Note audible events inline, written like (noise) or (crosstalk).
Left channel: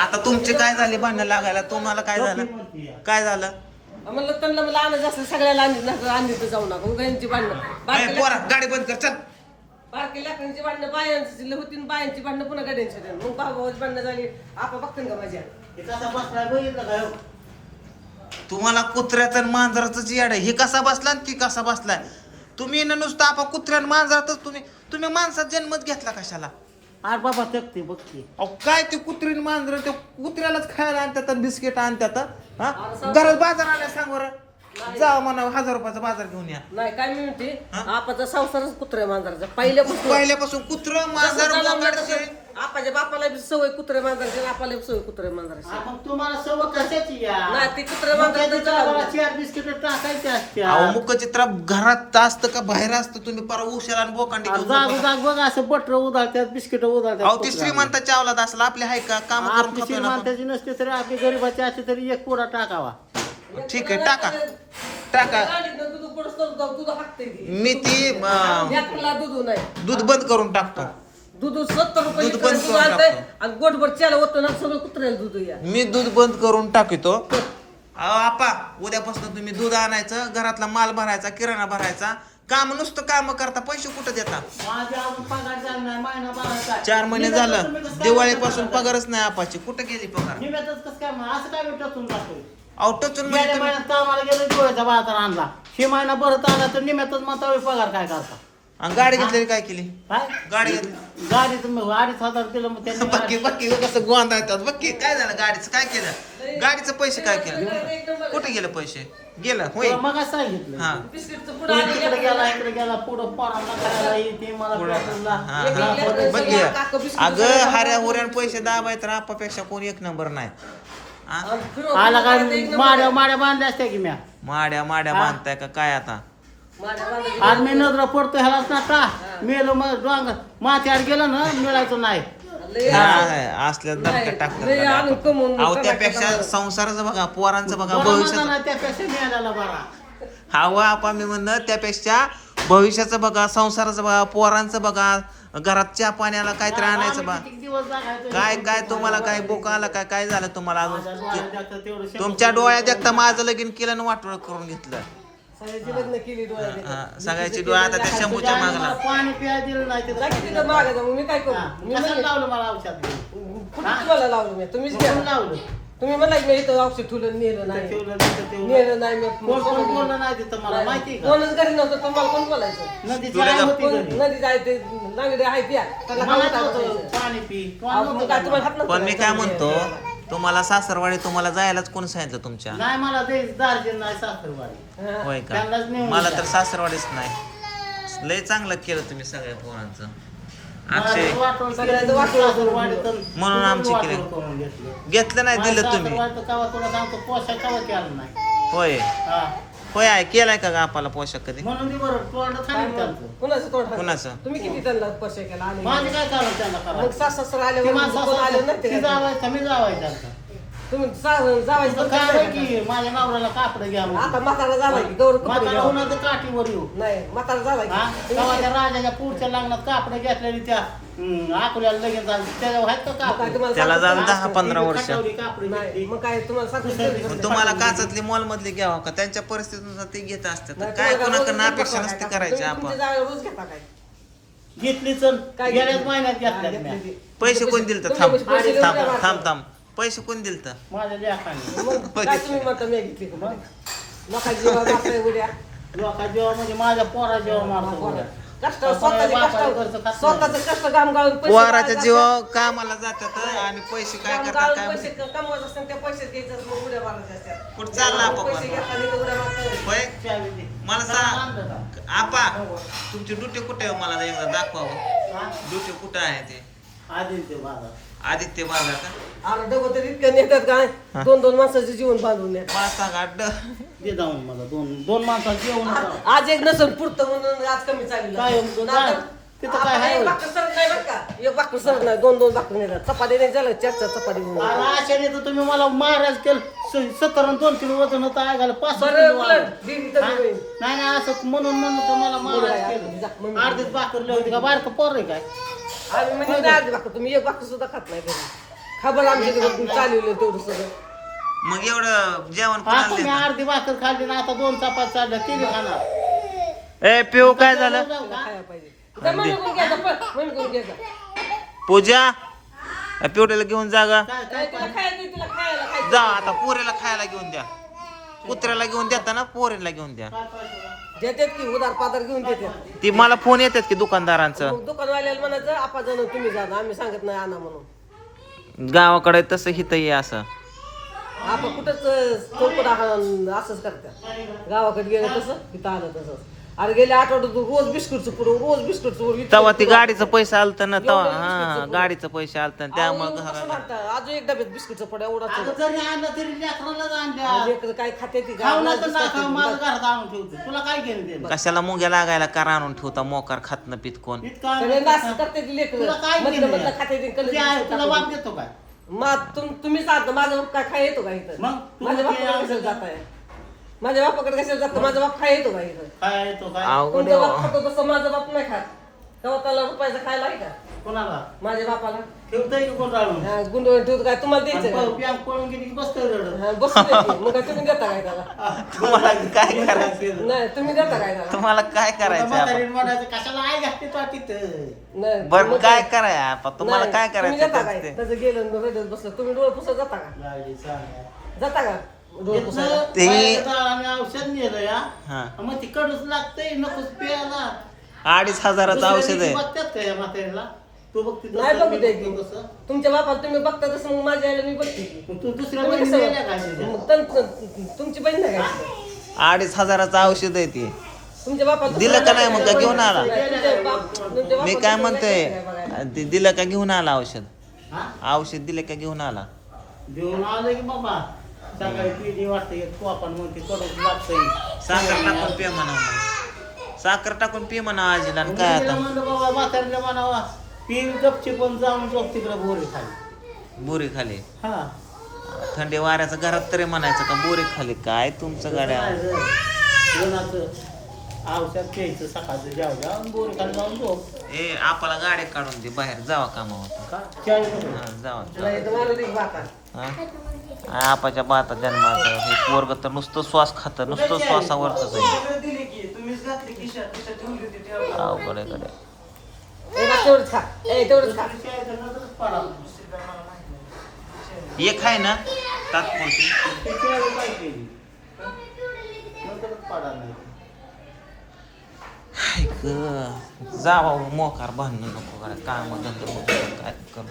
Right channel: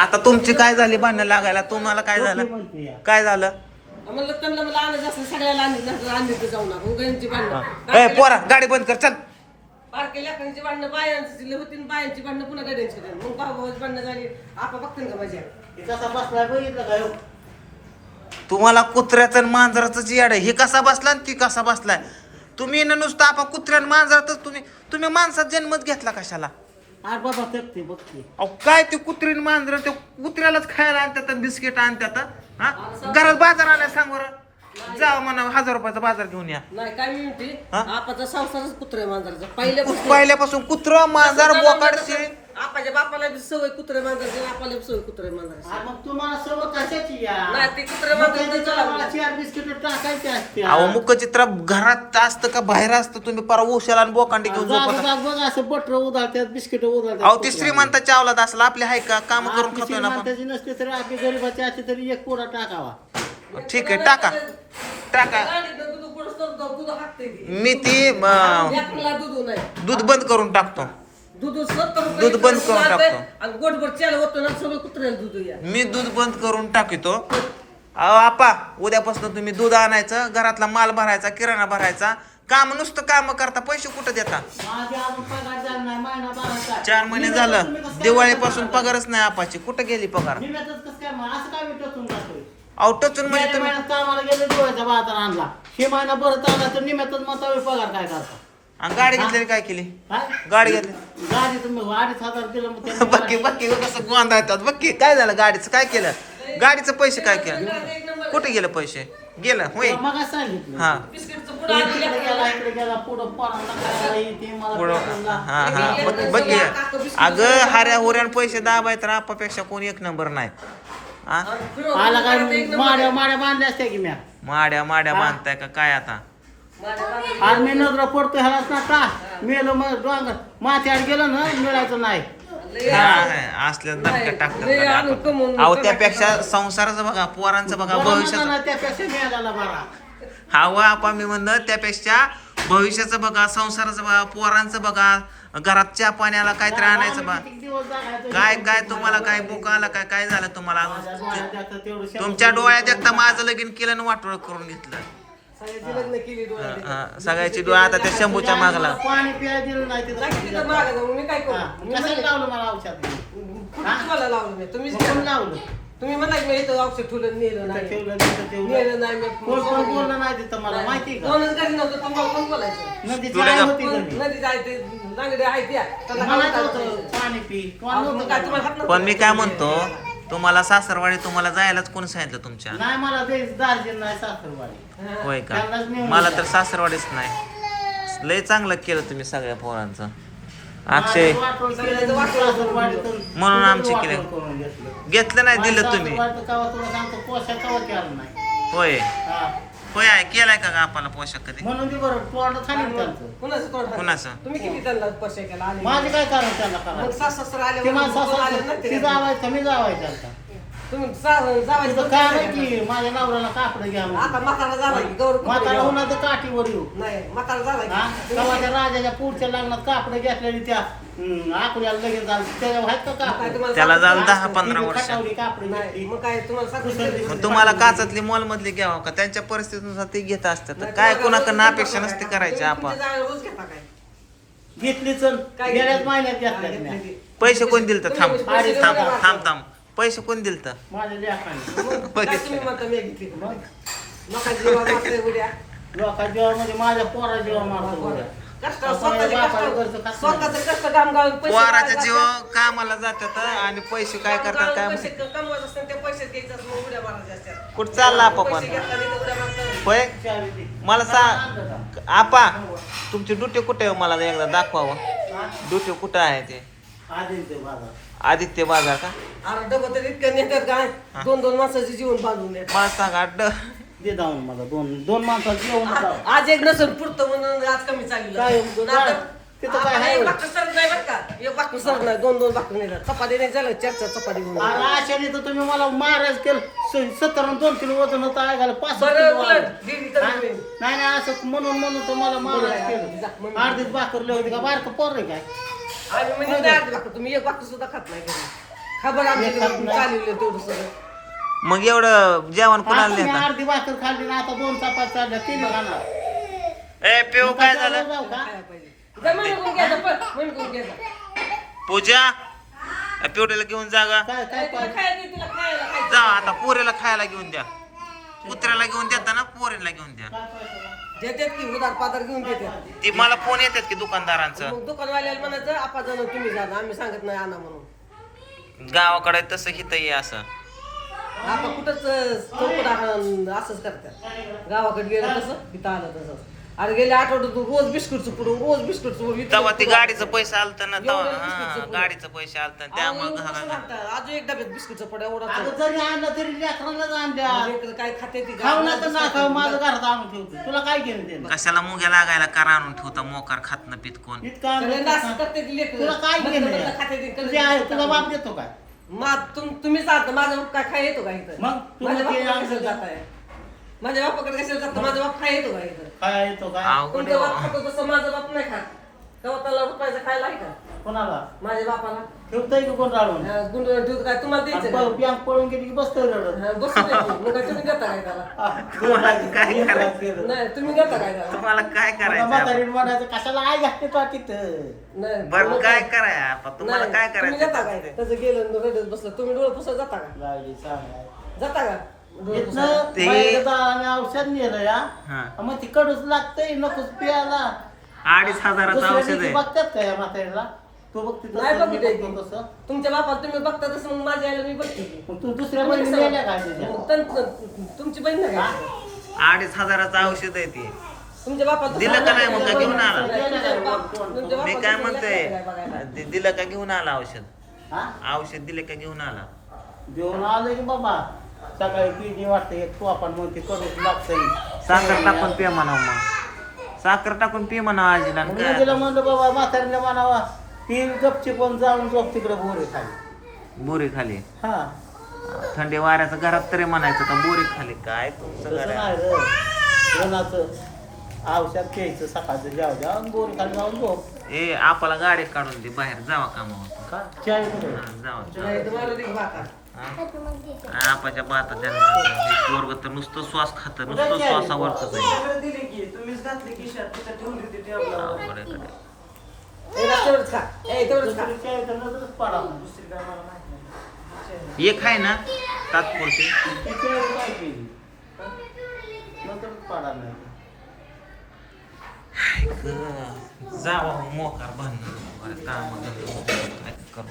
आता तुमची काय झाली भांडणं लागायला? तुम्हाला काय झालं? काय झालं? म्हणलं त्यांना मला असलं सगळ्याला आणली नाही आणली जाऊ नका. उगांची ए भांडणं. पोरा गाडी बंद कर चल. बारके लेकरांची भांडणं बायांची होती आणि बायांची भांडणं पुन्हा गाड्यांची होती. मग भाऊ भांडणं झाली. आपा बघतील का माझ्या? तुम्हाला कुत्र्याचं आणि मांजराचं जी आहे हे कसा बसला आणि ती कसा बसलाय तुम्ही ना नुसतं आपा कुत्र्या आणि मांजरातच तुम्ही तुम्ही माणसात जन्मच घेतला कशाला? अरे बाबा तेकते बघते अहो काय ते कुत्री आणि मांजर ते कुत्र्यालाच खायला आणतात बिस्किट आणतात हा? घरात बाजार आलाय सांग बरं. जा म्हणा हजार रुपयाचा बाजार घेऊन या. नाही काय मी म्हणते हा? आपाचा संसारच कुत्र्या मांजराचा. पहिल्यापासून पहिल्यापासून कुत्र मांजर बोकाडशे. आपाच्या बापाला बी सवय कुत्रे मांजराची आपल्याला बी सवय कुत्रे मांजराची. हा, मग तुम्हाला सर्व कशाची या? नाही ते कुत्रे मग त्याच्या मांजराची गावाला चार बिस्किट टाकायचे असते अहो मुख चित्र घरात असतं का बाहेर असतं? तुम्ही परा उशाला आणि बोकांडी घेऊन जाग झोपता. जाग बघ असं बटर उधाळतात बिस्किट उधाळतात अहो ती श्रीमंताच्या अवलाद असला आपली आहे का? काम करून खातोय ना आपण. श्रीमंताची नसते तरी आपली गरीबाची असते तरी एक पुरा टाकावा. ठीक आहे टाका. टाका. गाडीतनं दूध पुढं सरकवतं, दूध हाकते ती. मी ती अं, लेकराला दूध नाही. दूध बंद करून टाकतो. दूध रुपये दूध बंद करून टाकतो. आणि गोटभर चाल होतं ना सगळं कुत्र्याला दूध या. मी दूध बंद करून टाकितो. अहो आपा उद्यापासून तुम्ही दूध आणायचं घरातला माल भरायचा किराणा भरायचा. काम नुसतं काम करता पैसे कुठं देता? माझ्या अजून पगार झाला नाही महिना चार महिने झालं. दिवाळीपासून पगारच नाही आपाची. कुठं गेली पगार? निम्यातच कसं काय मग? असं काय मी टचून जातोय? अहो टचून म्हणजे गेल्या तुम्ही महिन्यात कामाला गेलो दिवाळीचा बाजार आणला. हे महिना भरत आला तर निम्यातच होय पगार काय करता? आणि गाडी घेतलेली काय केली? काय? गाडी घेतली. गाडी तुम्ही अडीच हजार दिलं मग त्यांनी बक्की बक्की कसं गोंधळतात बक्की काय झालं गाडीचं? काय केलं? गाडीचं पैसे काय केलं? कुठे गेले पैसे? गेलं होय. मग सांगितलं. हा. बिस्किटचं पुढं तुम्ही आणलं तिकडे का? गेला इकडे गेला पुढं पोरांना खायला येते मला पुढं- पेट्रोलला. हा हा. बघ- बघ. अगं हाऱ्या हुऱ्यान पैसे दाबाय तर आपापेक्षा कोण एक नंबर नाही. हा? आला काय माड्या माड्या बांधल्या असत्या की म्या. माड्या माड्या बांधताय का? काय आता? आणि मी नजरा पडतो ह्यालाच ना का? मेलो मग डोंगर माथ्यावर गेलो ना मिळायचं नाही. हा, असल्या धक्का टाकतात अहो. त्यापेक्षा संसाराचं बघा पोरांचं बघा भविष्याचं. त्यापेक्षा मिळाला बरा. हा व आपण मी म्हणलं त्यापेक्षा भविष्याचं बघा संसाराचं बघा पोरांचं बघा घरात चहा पाण्याला काहीतरी आणायचं जागायचं? काय काय तुम्हाला काय बोका आला काय काय झालं तुम्हाला तुमच्या डोळ्यात एकदा माझं लगीन केलं आणि वाटोळ करून घेतलं. सगळ्याची लग्न केली डोळ्यात. हा, सगळ्याची डोळा आता त्या शंभूच्या मागला. पाणी प्यायला दिलं नाही तिथं. मागं जाऊन मी काय करू? मी लावलं मला औषध? तुम्हाला लावलं मी? तुम्हीच कोण. लावलं? तुम्ही म्हणाल मी इथं औषध ठेवलं नेलं नाही. ठेवलं तिथं ठेवलं. नेलं नाही मी कोण कोण बोललं नाही तिथं मला माहिती का? दोनच घरी नव्हतं तुम्हाला कोण बोलायचं? नदी तुला जाय जा- होती घरी. नदी जायचे नांगडे आहे त्या त्याला मला काय होतं, बोलायचं? पाणी पी. कोण मग नव्हतं काय का तुम्हाला मला? हात नव्हता पण मी काय म्हणतो तुम्हाला सासरवाडी तुम्हाला जायलाच कोण सांगितलं तुमच्या नाही मला ते दार्जिलिंग नाही सासरवाडी. होय का त्यांनाच नेऊन मला. तर सासरवाडीच नाही लय चांगलं केलं तुम्ही सगळ्या पोरांचं अक्षय वाटोळ केलं, तर म्हणून आमची वाटोळ केलं. करून घेतलं. घेतलं नाही दिलं तुम्ही सासरवाडीचं कवा तुला सांगतो पोशाख कवा आलं नाही होय हा. होय आहे केलाय का गा आपला पोशाख कधी म्हणून ती बरोबर तोंड खाली त्यांचं कुणाचं तोंड? कुणाचं? तुम्ही किती त्यांना पैसे केला आले माझं काय त्यांना मग करायचं सास सासरा आले ते माझं आले ती? जावायचं मी जावायचं. तुम्ही जावायचं काय नाही की माझ्या नवऱ्याला कापड घ्या. आता म्हातारा झाला की गौरव कपडे म्हातारा घ्यावा. उन्हाचं काठीवर येऊ. नाही म्हातारा झाला की. तेव्हा त्या राजाच्या पुढच्या लग्नात कापड घेतलेली त्या हम्म, आकुल्याला लगेच झालं त्याच्या आहेत का काय कापड तुम्हाला त्याला सांगतो. झालं का? दहा पंधरा वर्ष. खटावली कापड नाही घेतली. मग काय तुम्हाला सांगतो? दुसऱ्या मग तुम्हाला काचातली मॉल मधली घ्यावं का? त्यांच्या परिस्थितीनुसार ते घेत असतात. तर काय कुणाकडनं अपेक्षा नसते करायची आपण रोज घेता काय? घेतली चल काय गेल्याच महिन्यात घेतल्या. पैसे कोण दिल तर थांब तुम्ही पैसे थांब थांब थांब. पैसे कोण दिल तर माझ्या लेखाने (laughs) मग? जीवा लोका जेव्हा म्हणजे माझ्या पोरा जेव्हा मारतो उद्या. कष्ट आपण स्वतःचे बापाला घरचं कष्ट खात स्वतःचे कष्ट काम गावून पैसे पोराच्या काढायचे जीव असतात. कामाला जातात आणि पैसे काय काम करतात काय माहिती. ते. कुठं चालला आपा पैसे पण घेतला की उड्या मारतात. होय? चावी दे. मला सांग? आपा तुमची ड्युटी कुठे आहे? मला एकदा दाखवावं. हा? ड्युटी कुठं आहे ते? आदित्य बाबा आदित्य बाजार का अरे दोघं तर इतकं नेतात काय दोन दोन माणसाचे जीवन बांधून नेतात. मला सांग अड्ड दे जाऊन मला दोन दोन माणसाचं जेवण होतं. आज एक नसन पुरतं म्हणून आज कमी चालली काय काय? तिथं काय आहे होय? नाही दोन दोन भाकर नेतात चपाती नाही झालं चार चार चपाती घेऊन अरे आश्चर्य तर तुम्ही मला महाराज केलं सत्तर आणि दोन किलो वजन होतं आहे घाल पाच किलो. वाढलं. हा? नाही नाही असं म्हणून म्हणून तुम्हाला महाराज जा, केलं. मम्मी. अर्धीच भाकर होती का? बारकं पोर आहे काय? आणि मी नाही आज भाकर तुम्ही एक भाकर सुद्धा खात नाही घरी. खबर आमच्या इकडं चालवलं तेवढं सगळं. मग एवढं जेवण कोणाला देता? अर्धी भाकर खाल्ली ना आता दोन चपात चालल्या तिने खाणार. ए पिऊ काय झालं? खायला पाहिजे. पूजा पिवट्याला घेऊन जा गा. काय काय काय? तुला खायचं तुला खायला खायचं जा आता पोरेला खायला घेऊन द्या. कुत्र्याला घेऊन देता ना पोरेला घेऊन द्या? देतात की उधार पाधार घेऊन देतात? ती मला फोन येतात की दुकानदारांचं. दुकानवाल्याला म्हणायचं आपा जाणं तुम्ही जा आम्ही सांगत नाही आणा म्हणून. गावाकडे तसं हित ये असं. आपण कुठंच चौकडा असंच करतात. गावाकडे गेलं तसं इथं आलं तसंच. अरे गेल्या आठवड्यात रोज बिस्कुटचं पुढं रोज बिस्कुटचं पुढं इतकं तेव्हा ती गाडीचं आपलं. पैसे आलत ना एवढं तेव्हा बिस्कुटचं हा. गाडीचं पैसे आलत अहो, त्यामुळे एवढं कसं घाला लागतं? अजून एक डब्यात बिस्कुटचं पुढं एवढाच अगं जरी आणलं तरी लेकरालाच आणल्या काय खाते ती खाऊ ना गावाला तर ना. माझं घरात आणून ठेवतो तुला काय घेऊन दे कशाला मुंग्या लागायला करा आणून ठेवता मोकार खात न पित कोण इतका सगळे नास करते ती लेकरं. तुला काय मधलं घेणं मधलं खाते ती, आहे? कधी बिस्कुट तुला बाप. देतो काय मा तुम तुम्हीच आता माझा बाप काय खाय येतो का इथं मग तू माझ्या ते आणलं? जात आहे माझ्या बापाकडे कशाला जात माझा बाप खाय येतो का इथं? काय येतो काय अवघड कोणता बाप. खातो तसं माझा बाप नाही खात. तेव्हा त्याला रुपयाचा खायला आहे का? कोणाला? माझ्या बापाला. ठेवतोय की कोण हा, गुंडवून ठेवतो काय? तुम्हाला द्यायचं का? बँक पळून गेली की बसतोय रडत. हा, बसून देते. मग काय तुम्ही देता काय त्याला? तुम्हाला काय करायचं? नाही तुम्ही देता काय त्याला? तुम्हाला काय करायचं? म्हणायचं कशाला आई घातली तो तिथं नाही बरं मग काय कराय आपण? तुम्हाला नाही, काय तुम्ही देता काय? करायचं त्याचं गेलं रडत बसलं. तुम्ही डोळे पुसत जाता का? सांगा. जाता का? ते- औषध नेलं या हा मग ती कडूच लागतंय नकोच प्यायला अडीच हजाराचं दुसऱ्या औषध दिवशी आहे बघतात का या तू बघते तसं, नाही मी बघितलंय बघतो की. तसं. तुमच्या बापाला तुम्ही बघता तसं मग माझ्या आईला मी बघते की. मग तू दुसऱ्या तुम्ही बहिणी कसं- नेल्या का तिच्या? मग तन- तुमची बहीण नाही का अडीच हजाराचं औषध आहे ती तुमच्या बापाला दिलं का नाही मग का घेऊन आला? मी काय म्हणतोय? ते दिलं का घेऊन आला औषध हा? औषध दिलं का घेऊन आला देऊन आलं की बाबा सकाळी पिढी वाटते एक तू आपण साखर टाकून पे म्हणाव मग. साखर टाकून पे म्हणावं आजीला आणि काय म्हणलं बाबा म्हातारीला म्हणावा ही गपची पण जाऊन झोप तिकडे बोरे खाली. बोरी खाली? हा. थंडी वाऱ्याचं घरात तरी म्हणायचं का बोरी खाली? काय तुमचं घर रे. उन्हाचं औषध प्यायचं सकाळचं जेव जेव आणि बोरे खाली जाऊन झोप. ए आपला गाडी काढून दे बाहेर जावा कामावर. का? चाय कुठे? हा, जावा. हा? आपाच्या बाता जन्माचं हे पोरग तर नुसतं श्वास खात नुसतं श्वासावरच आहे अवघड आहे गड्या. ए, बस तेवढंच खा. ए तेवढंच खा. चाय नजरच पडा एक आहे ना तात्पुरती. काय केली? नंतरच पडा नाही. काय जावा मोकार बांधणं नको काम काय करू